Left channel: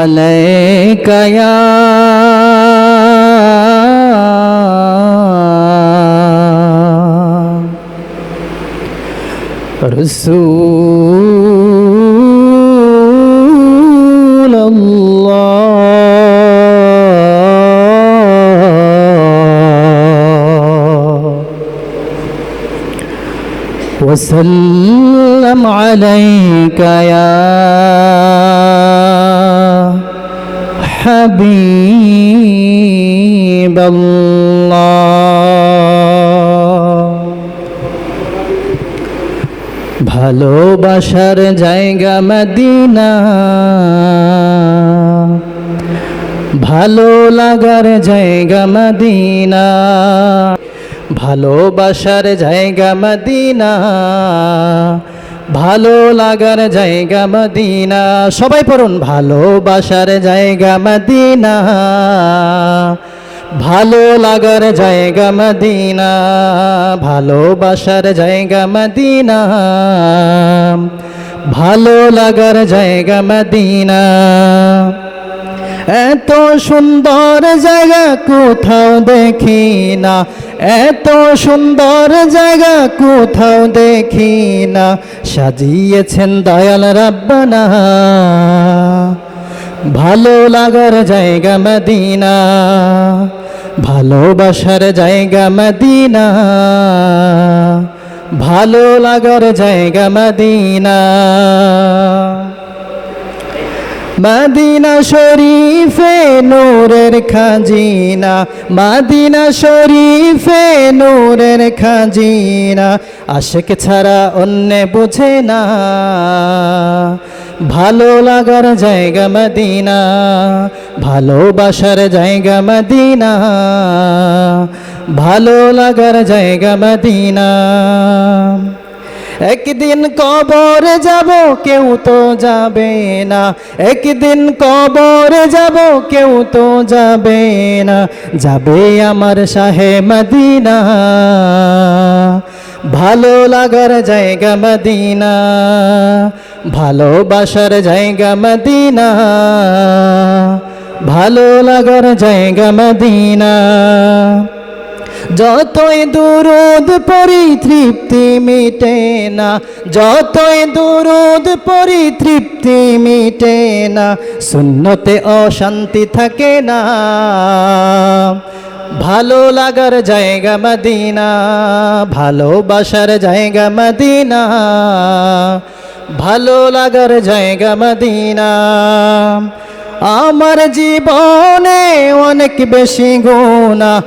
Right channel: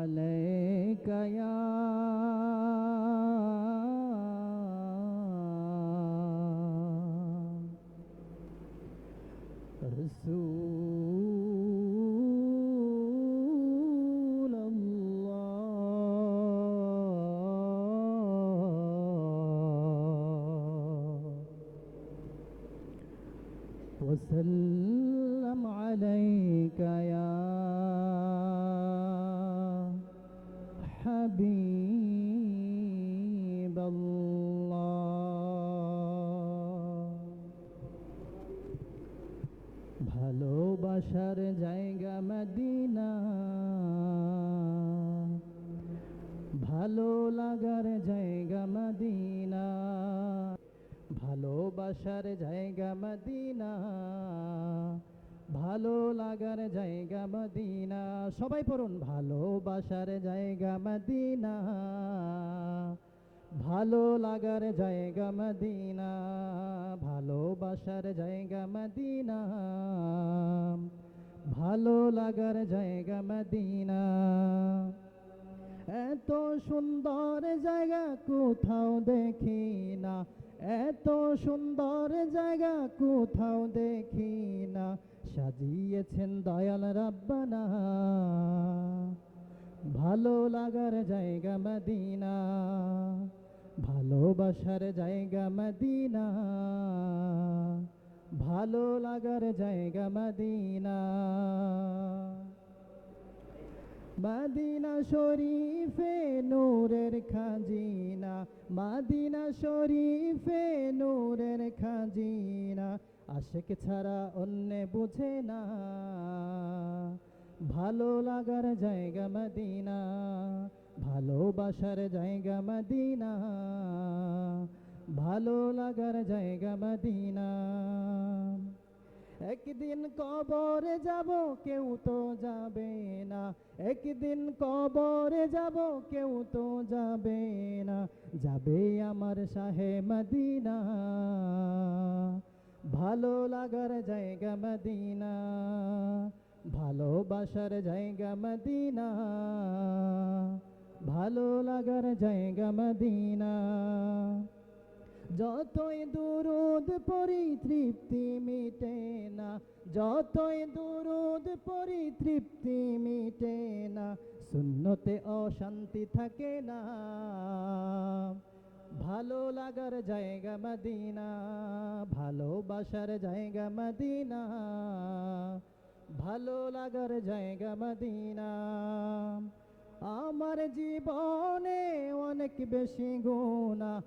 عليك يا رسول الله وسلم عليك يا حبيب الله ভালোবাসার জায়গা মদিনা ভালো লাগার জায়গা মদিনা ভালোবাসার জায়গা মদিনা ভালো লাগার জায়গা মদিনা সবাই পড়ুন ভালোবাসার জায়গা মদিনা ভালো লাগার জায়গা মদিনা ভালোবাসার জায়গা মদিনা ভালো লাগার জায়গা মদিনা এত সুন্দর জায়গা কোথাও দেখি না এত সুন্দর জায়গা কোথাও দেখি না সাজিয়েছেন দয়াল রাব্বানা ভালো লাগার জায়গা মদিনা ভালোবাসার জায়গা মদিনা ভালো লাগার জায়গা মদিনা মদিনা শরীফে নূরের খাজিনা মদিনা শরীফে নূরের খাজিনা আশিক ছাড়া অন্য বুঝে না ভালো লাগার জায়গা মদিনা ভালোবাসার জায়গা মদিনা ভালো লাগার জায়গা মদিনা একদিন কবর যাব কেউ তো যাবে না একদিন কবর যাব কেউ তো যাবে না যাবে আমার শাহে মদিনা ভালো লাগার জায়গা মদিনা ভালোবাসার জায়গা মদিনা ভালো লাগার জায়গা মদিনা যতই দুরূদ পড়ি তৃপ্তি মিটে না যতই দুরূদ পড়ি তৃপ্তি মিটে না সুন্নতে অশান্তি থাকে না ভালো লাগার জায়গা মদিনা ভালোবাসার জায়গা মদিনা ভালো লাগার জায়গা মদিনা আমার জীবনে অনেক বেশি গুনাহ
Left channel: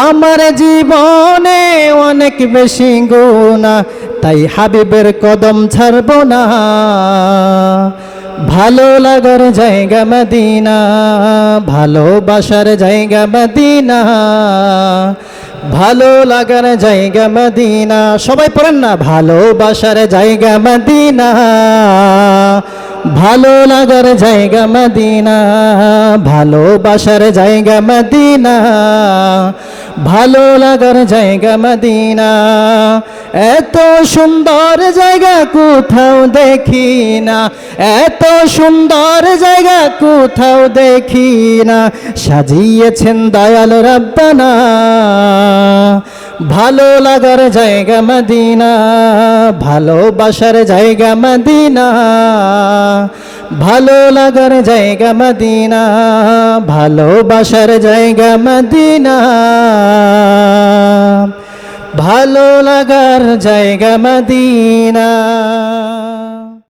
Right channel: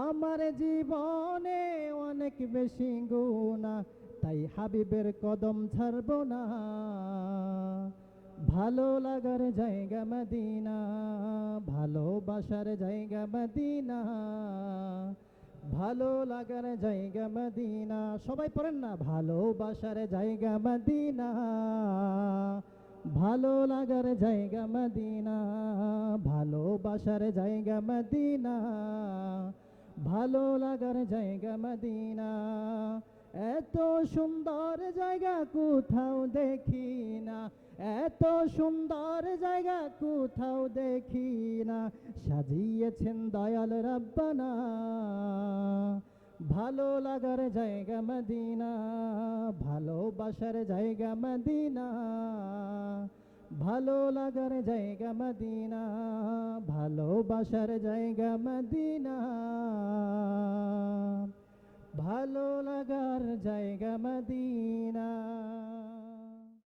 আমার জীবনে অনেক বেশি গুনাহ তাই হাবিবের কদম ছাড়ব না ভালো লাগার জায়গা মদিনা ভালোবাসার জায়গা মদিনা ভালো লাগার জায়গা মদিনা সবাই পড়েন না ভালোবাসার জায়গা মদিনা ভালো লাগার জায়গা মদিনা ভালোবাসার জায়গা মদিনা ভালো লাগার জায়গা মদিনা এত সুন্দর জায়গা কোথাও দেখি না এত সুন্দর জায়গা কোথাও দেখি না সাজিয়েছেন দয়াল রাব্বানা ভালো লাগার জায়গা মদিনা ভালোবাসার জায়গা মদিনা ভালো লাগার জায়গা মদিনা ভালোবাসার জায়গা মদিনা ভালো লাগার জায়গা মদিনা।